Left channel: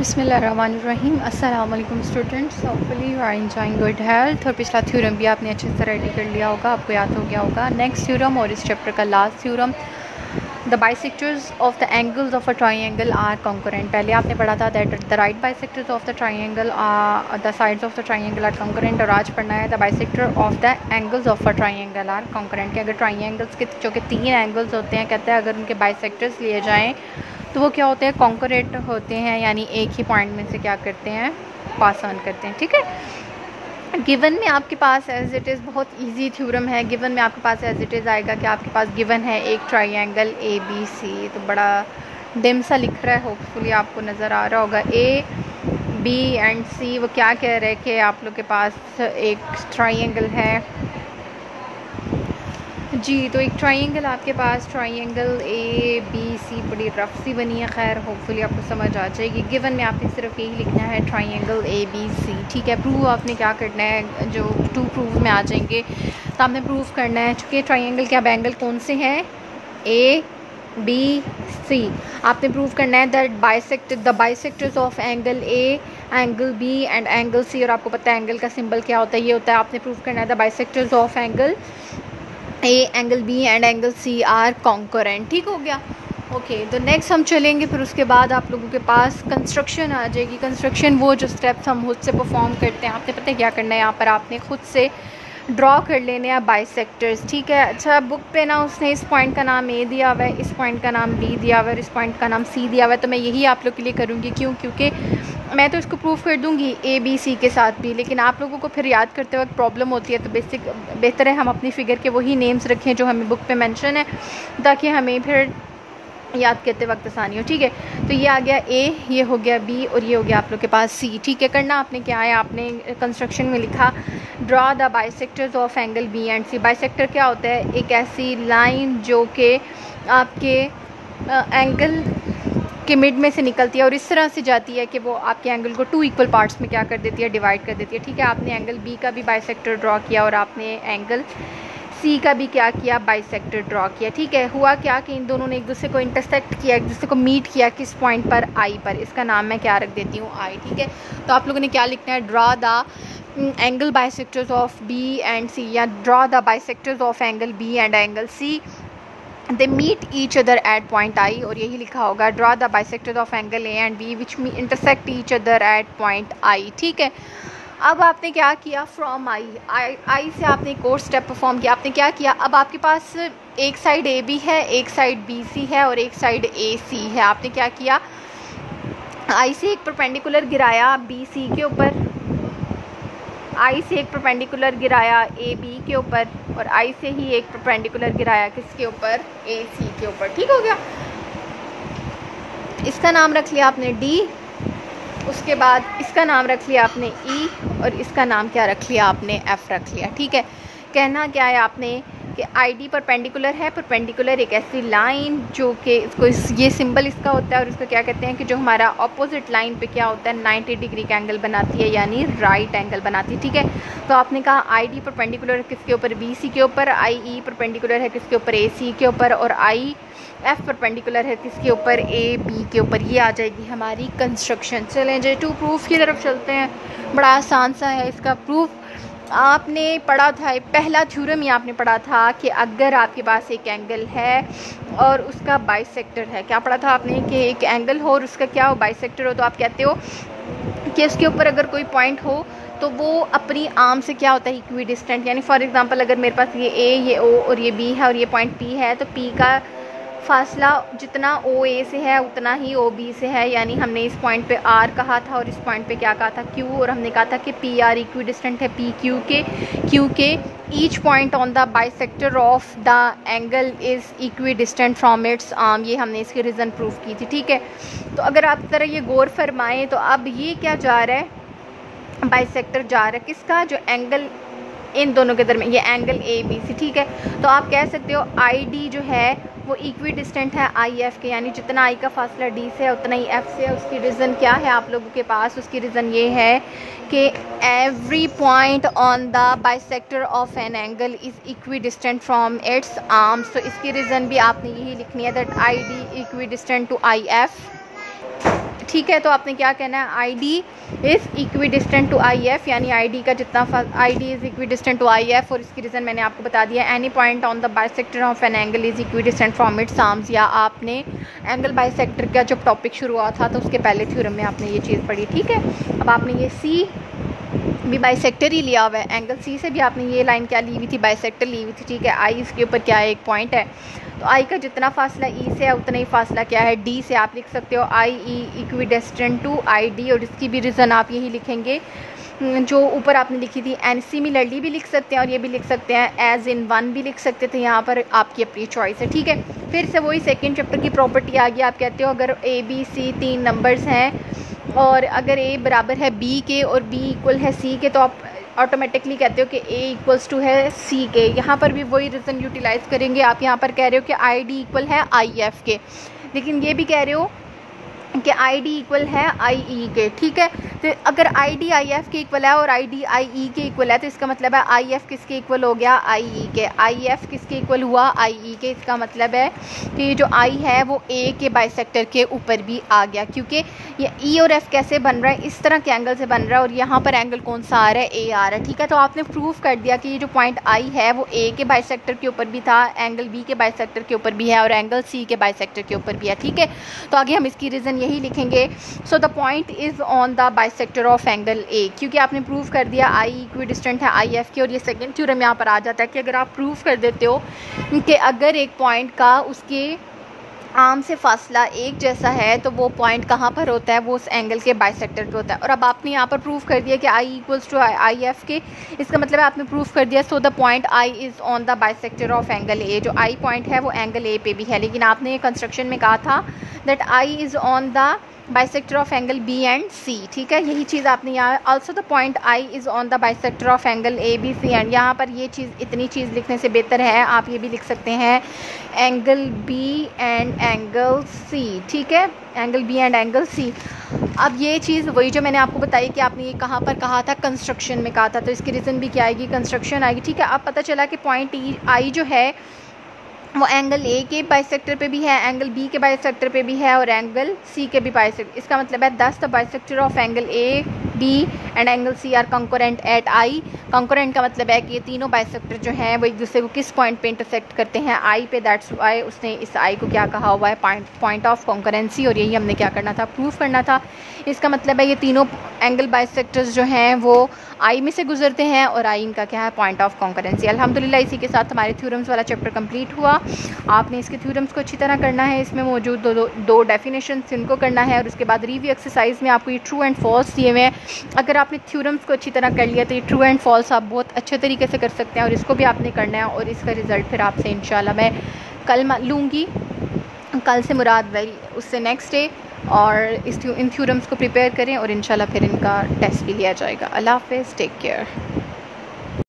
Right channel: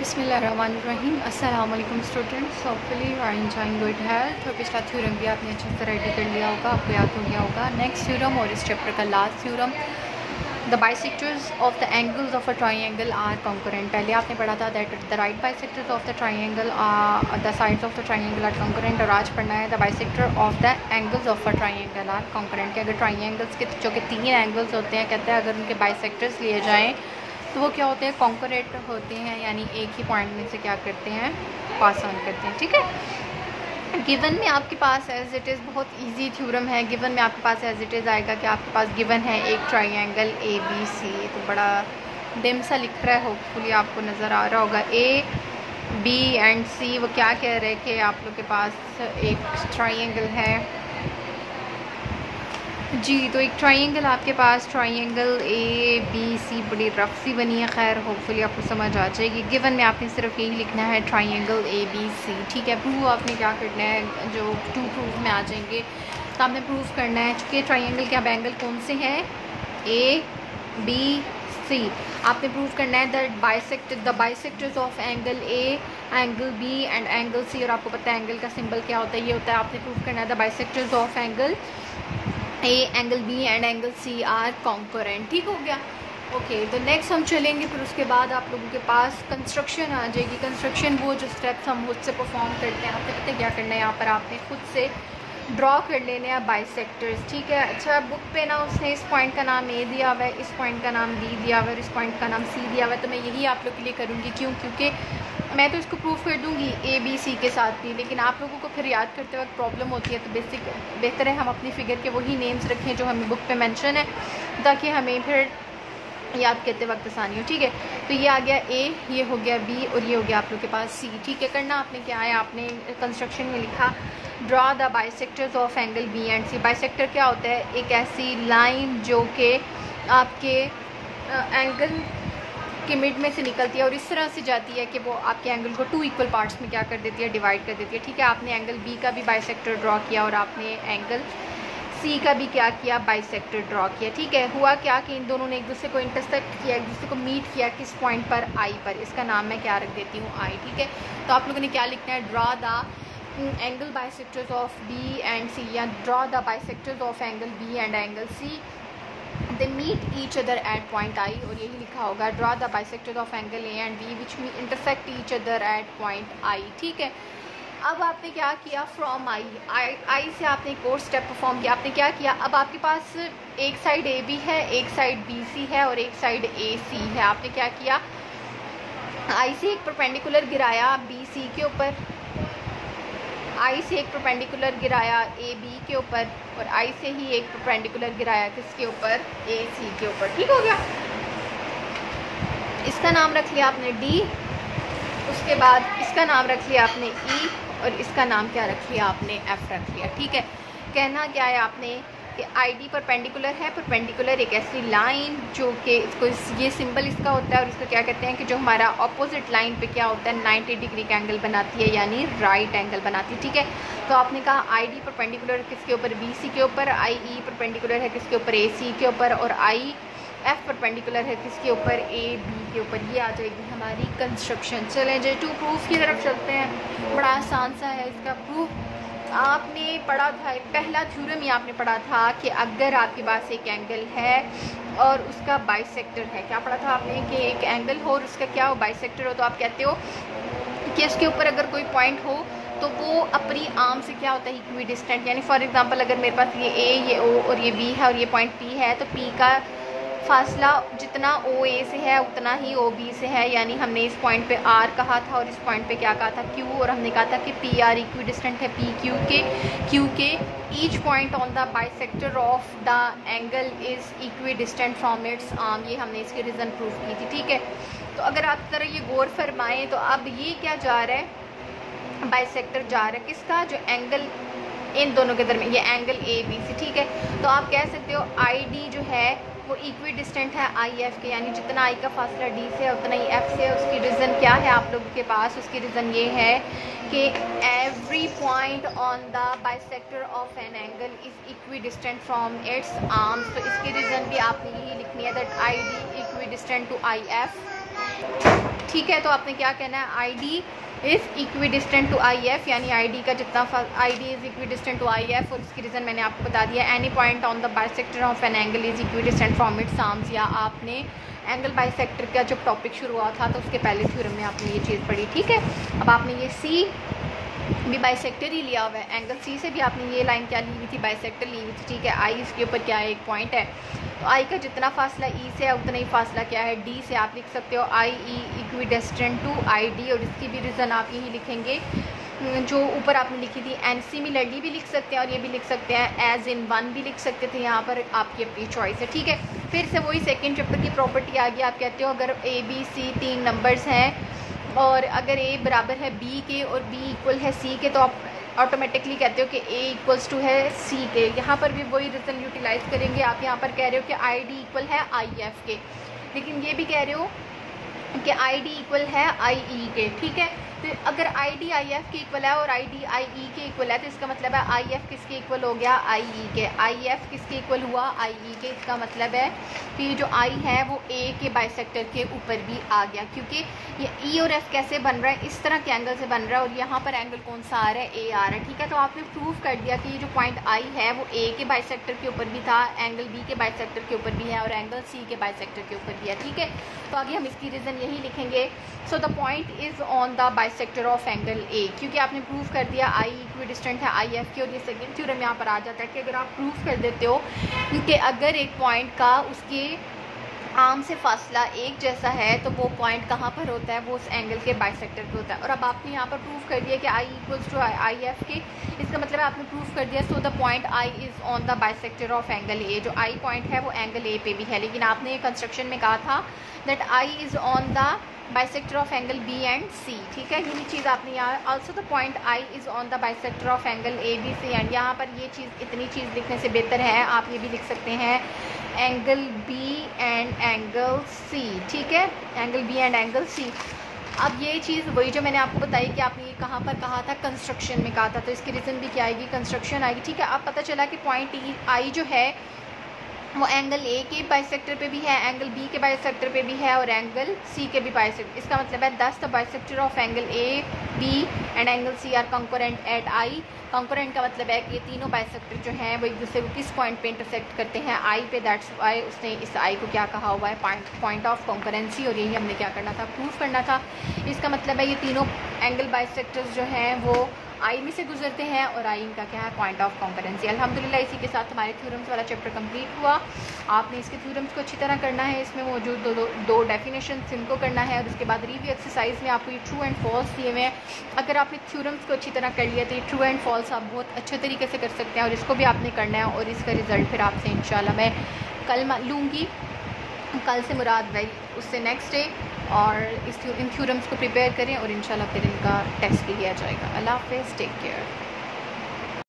बिस्मिल्लाहिर्रहमानिर्रहीम। अस्सलाम वालेकुम students, hopefully you are enjoying good health. और पिछला थ्योरम भी आपने अच्छे से रेडी कर लिया होगा, आपको याद हो गया होगा। नेक्स्ट थ्योरम और इस चैप्टर का last theorem, the bisectors of the angles of a triangle are concurrent. पहले आपने पढ़ा था that the right bisectors of the triangle are the sides of the triangle are concurrent. और आज पढ़ना है the bisector of the angles of a triangle are concurrent. कि अगर ट्राइंगल्स के जो कि 3 एंगल्स होते हैं, कहते हैं अगर उनके बाइसेक्टर्स लिए जाएँ तो वो क्या होते हैं, कॉन्करेंट होते हैं, यानी एक ही पॉइंट में से क्या करते हैं, पास ऑन करते हैं। ठीक है। गिवन में आपके पास एज इट इज़ बहुत इजी थ्योरम है। गिवन में आपके पास एज इट इज़ आएगा कि आपके पास गिवन है एक ट्राइंगल ए बी सी। तो बड़ा डिम सा लिख रहा है, होपफुली आपको नज़र आ रहा होगा। ए बी एंड सी वो क्या कह रहे हैं कि आप लोग के पास एक ट्राइंगल है जी। तो एक ट्राइंगल आपके पास, ट्राइंगल ए बी सी बड़ी रफ सी बनी है। खैर होपफुली आपको समझ आ जाएगी। गिवन में आपने सिर्फ यही लिखना है ट्राइंगल ए बी सी। ठीक है। प्रूव आपने क्या करना है, जो टू प्रूव में आ जाएंगे तो आपने प्रूव करना है कि ट्राइंगल के अब एंगल कौन से हैं, ए बी सी। आपने प्रूव करना है that the bisectors of angle A, angle B and angle C. और आपको पता है एंगल का सिंबल क्या होता है, ये होता है। आपने प्रूव करना है the bisectors of angle A, angle B and angle C are concurrent. ठीक हो गया। ओके, तो नेक्स्ट हम चलेंगे, फिर उसके बाद आप लोगों के पास कंस्ट्रक्शन आ जाएगी। कंस्ट्रक्शन वो जो स्टेप्स हम खुद से परफॉर्म करते हैं, आपने पता है क्या करना है, यहाँ पर आपने खुद से ड्रॉ कर लेने हैं बाइसेक्टर्स। ठीक है। अच्छा, बुक पे ना उसने इस पॉइंट का नाम ए दिया हुआ है, इस पॉइंट का नाम बी दिया हुआ है और इस पॉइंट का नाम सी दिया हुआ है। तो मैं यही आप लोग के लिए करूँगी। क्यों? क्योंकि मैं तो इसको प्रूफ कर दूँगी ए बी सी के साथ भी, लेकिन आप लोगों को फिर याद करते वक्त प्रॉब्लम होती है। तो बेहतर है हम अपनी फ़िगर के वही नेम्स रखें जो हमें बुक पे मेंशन है, ताकि हमें फिर याद करते वक्त आसानी हो। ठीक है। तो ये आ गया ए, ये हो गया बी और ये हो गया आप लोग के पास सी। ठीक है। करना आपने क्या है, आपने कंस्ट्रक्शन में लिखा draw the bisectors of angle B and C. Bisector क्या होता है, एक ऐसी लाइन जो कि आपके एंगल के मिड में से निकलती है और इस तरह से जाती है कि वो आपके एंगल को 2 इक्वल पार्ट्स में क्या कर देती है, डिवाइड कर देती है। ठीक है। आपने एंगल बी का भी बाइसेक्टर ड्रॉ किया और आपने एंगल सी का भी क्या किया, बाइसेक्टर ड्रॉ किया। ठीक है। हुआ क्या कि इन दोनों ने एक दूसरे को इंटरसेक्ट किया, एक दूसरे को मीट किया किस पॉइंट पर, आई पर। इसका नाम मैं क्या रख देती हूँ, आई। ठीक है। तो आप लोगों ने क्या लिखना है, draw the angle bisectors of B and C, या draw the bisectors of angle B and angle C, they meet each other at point I. और यही लिखा होगा draw the bisectors of angle A and B which intersect each other at point I. ठीक है। अब आपने क्या किया, फ्रॉम आई से आपने एक और स्टेप परफॉर्म किया। आपने क्या किया, अब आपके पास एक साइड ए बी है, एक साइड बी सी है और एक साइड ए सी है। आपने क्या किया, आई से एक परपेंडिकुलर गिराया बी सी के ऊपर, आई से एक परपेंडिकुलर गिराया ए बी के ऊपर और आई से ही एक परपेंडिकुलर गिराया किसके ऊपर, ए सी के ऊपर। ठीक हो गया। इसका नाम रख लिया आपने डी, उसके बाद इसका नाम रख लिया आपने ई और इसका नाम क्या रख लिया आपने, एफ रख लिया। ठीक है। कहना क्या है आपने कि आई डी परपेंडिकुलर है। परपेंडिकुलर एक ऐसी लाइन जो कि इसको ये सिंबल इसका होता है और इसको क्या कहते हैं कि जो हमारा ऑपोजिट लाइन पे क्या होता है, 90 डिग्री का एंगल बनाती है, यानी राइट एंगल बनाती है। ठीक है। तो आपने कहा आई डी परपेंडिकुलर है किसके ऊपर, बी सी के ऊपर, आई ई परपेंडिकुलर है किसके ऊपर, ए सी के ऊपर, और आई एफ परपेंडिकुलर है किसके ऊपर, ए बी के ऊपर। ये आ जाएगी हमारी कंस्ट्रक्शन। चलें जो टू प्रूफ की तरफ चलते हैं। बड़ा आसान सा है इसका प्रूफ। आपने पढ़ा था, पहला थ्योरम ही आपने पढ़ा था कि अगर आपके पास एक एंगल है और उसका बाइसेक्टर है, क्या पढ़ा था आपने कि एक एंगल हो और उसका क्या हो, बाइसेक्टर हो, तो आप कहते हो कि उसके ऊपर अगर कोई पॉइंट हो तो वो अपनी आर्म से क्या होता है, इक्वी डिस्टेंट। यानी फॉर एग्जांपल अगर मेरे पास ये ए, ये ओ और ये बी है और ये पॉइंट पी है, तो पी का फासला जितना ओ ए से है उतना ही ओ बी से है। यानी हमने इस पॉइंट पे आर कहा था और इस पॉइंट पे क्या कहा था, क्यू। और हमने कहा था कि पी आर इक्वी डिस्टेंट है पी क्यू के। Each point on the bisector of the angle is equidistant from it's arm. ये हमने इसकी रीज़न प्रूफ की थी। ठीक है। तो अगर आप तरह ये गौर फरमाएँ तो अब ये क्या जा रहा है, बाइसेक्टर जा रहा है किसका, जो एंगल इन दोनों के दरमियान, ये एंगल ए बी सी। ठीक है। तो आप कह सकते हो आई डी जो है वो इक्वी डिस्टेंट है आई एफ के, यानी जितना आई का फासला डी से है उतना ही एफ से है। उसकी रीज़न क्या है आप लोगों के पास, उसकी रीज़न ये है कि every point on the bisector of an angle is equidistant from its arms. तो इसकी रीज़न भी आपने यही लिखनी है that I D equidistant to I F. ठीक है। तो आपने क्या कहना है, I D is equidistant to I F, यानी आई डी का जितना I D is equidistant to I F, और इसकी रीज़न मैंने आपको बता दिया। Any point on the bisector of an angle is equidistant from its arms, या आपने एंगल बाइसेक्टर का जब टॉपिक शुरू हुआ था तो उसके पहले थ्योरम में आपने ये चीज़ पढ़ी, ठीक है। अब आपने ये सी भी बाइसेक्टर ही लिया हुआ है, एंगल सी से भी आपने ये लाइन क्या ली हुई थी, बाइसेक्टर ली हुई थी, ठीक है। आई इसके ऊपर क्या है, एक पॉइंट है, तो आई का जितना फासला ई से है उतना ही फासला क्या है, डी से। आप लिख सकते हो आई ई इक्विडिस्टेंट टू आई डी, और इसकी भी रीज़न आप यही लिखेंगे जो ऊपर आपने लिखी थी। एंड सिमिलरली भी लिख सकते हैं और ये भी लिख सकते हैं, एज इन वन भी लिख सकते थे, यहाँ पर आपकी अपनी चॉइस है, ठीक है। फिर से वही सेकेंड चैप्टर की प्रॉपर्टी आ गई। आप कहते हो अगर ए बी सी 3 नंबर्स हैं और अगर ए बराबर है बी के और बी इक्वल है सी के, तो आप ऑटोमेटिकली कहते हो कि ए इक्वल्स टू है सी के। यहाँ पर भी वही रीज़न यूटिलाइज़ करेंगे। आप यहाँ पर कह रहे हो कि आई डी इक्वल है आई एफ के, लेकिन ये भी कह रहे हो कि आई डी इक्वल है आई ई के, ठीक है। तो अगर आई डी आई एफ के इक्वल है और आई डी आई ई के इक्वल है, तो इसका मतलब है आई एफ किसके इक्वल हो गया, आई ई के। आई एफ किसके इक्वल हुआ, आई ई के। इसका मतलब है कि जो आई है वो ए के बाइसेक्टर के ऊपर भी आ गया, क्योंकि ये ई और एफ कैसे बन रहा है, इस तरह के एंगल से बन रहा है, और यहाँ पर एंगल कौन सा आ रहा है, ए आ रहा है, ठीक है। तो आपने प्रूव कर दिया कि ये जो पॉइंट आई है वो ए के बाइसेक्टर के ऊपर भी था, एंगल बी के बाइसेक्टर के ऊपर भी है, और एंगल सी के बाइसेक्टर के ऊपर भी है, ठीक है। तो आगे हम इसकी रीज़न यही लिखेंगे। So the point is on the bisector of angle ए, क्योंकि आपने प्रूव कर दिया आई इक्विडिस्टेंट है आई एफ की, और ये सेकंड थ्योरम यहाँ पर आ जाता है कि अगर आप प्रूव कर देते हो कि अगर एक पॉइंट का उसके आर्म से फासला एक जैसा है, तो वो पॉइंट कहाँ पर होता है, वो उस एंगल के बाइसेक्टर पे होता है। और अब आपने यहाँ पर प्रूव कर दिया कि I equals to I F के, इसका मतलब है आपने प्रूव कर दिया। So the point I is on the bisector of angle ए, जो आई पॉइंट है वो एंगल ए पे भी है, लेकिन आपने कंस्ट्रक्शन में कहा था that I is on the bisector of angle B and C, ठीक है। यही चीज़ आपने यहाँ also the point I is on the bisector of angle A B C and, यहाँ पर ये चीज़ इतनी चीज़ लिखने से बेहतर है आप ये भी लिख सकते हैं angle B and angle C, ठीक है, angle B and angle C. अब ये चीज़ वही जो मैंने आपको बताई कि आपने ये कहाँ पर कहा था, कंस्ट्रक्शन में कहा था, तो इसकी रीज़न भी क्या आएगी, कंस्ट्रक्शन आएगी, ठीक है। अब पता चला कि पॉइंट आई जो है वो एंगल ए के बाइसेक्टर पे भी है, एंगल बी के बाइसेक्टर पे भी है, और एंगल सी के भी बाइसेक्टर। इसका मतलब है 10 the bisector of angle A B and angle C are concurrent at I. Concurrent का मतलब है कि ये तीनों बाइसेक्टर जो हैं वो एक दूसरे को किस पॉइंट पे इंटरसेक्ट करते हैं, आई पे। दैट्स वाई उसने इस आई को क्या कहा हुआ है, पॉइंट ऑफ कंकरेंसी, और यही हमने क्या करना था, प्रूव करना था। इसका मतलब है ये तीनों एंगल बाइसेक्टर्स जो हैं वो आई में से गुजरते हैं, और आई इनका क्या है, पॉइंट ऑफ कॉन्करेंसी। अल्हम्दुलिल्लाह इसी के साथ हमारे थ्योरम्स वाला चैप्टर कंप्लीट हुआ। आपने इसके थ्योरम्स को अच्छी तरह करना है, इसमें मौजूद दो डेफिनेशंस इनको करना है, और उसके बाद रिव्यू एक्सरसाइज में आपको ये ट्रू एंड फॉल्स दिए हुए हैं। अगर आपने थ्योरम्स को अच्छी तरह कर लिया तो ये ट्रू एंड फॉल्स आप बहुत अच्छे तरीके से कर सकते हैं, और इसको भी आपने करना है, और इसका रिज़ल्ट फिर आपसे इंशाल्लाह मैं कल लूँगी। कल से मुराद भाई उससे नेक्स्ट डे, और इन थ्योरम्स को प्रिपेयर करें और इंशाल्लाह फिर इनका टेस्ट भी लिया जाएगा। अल्लाह हाफ़िज़, टेक केयर।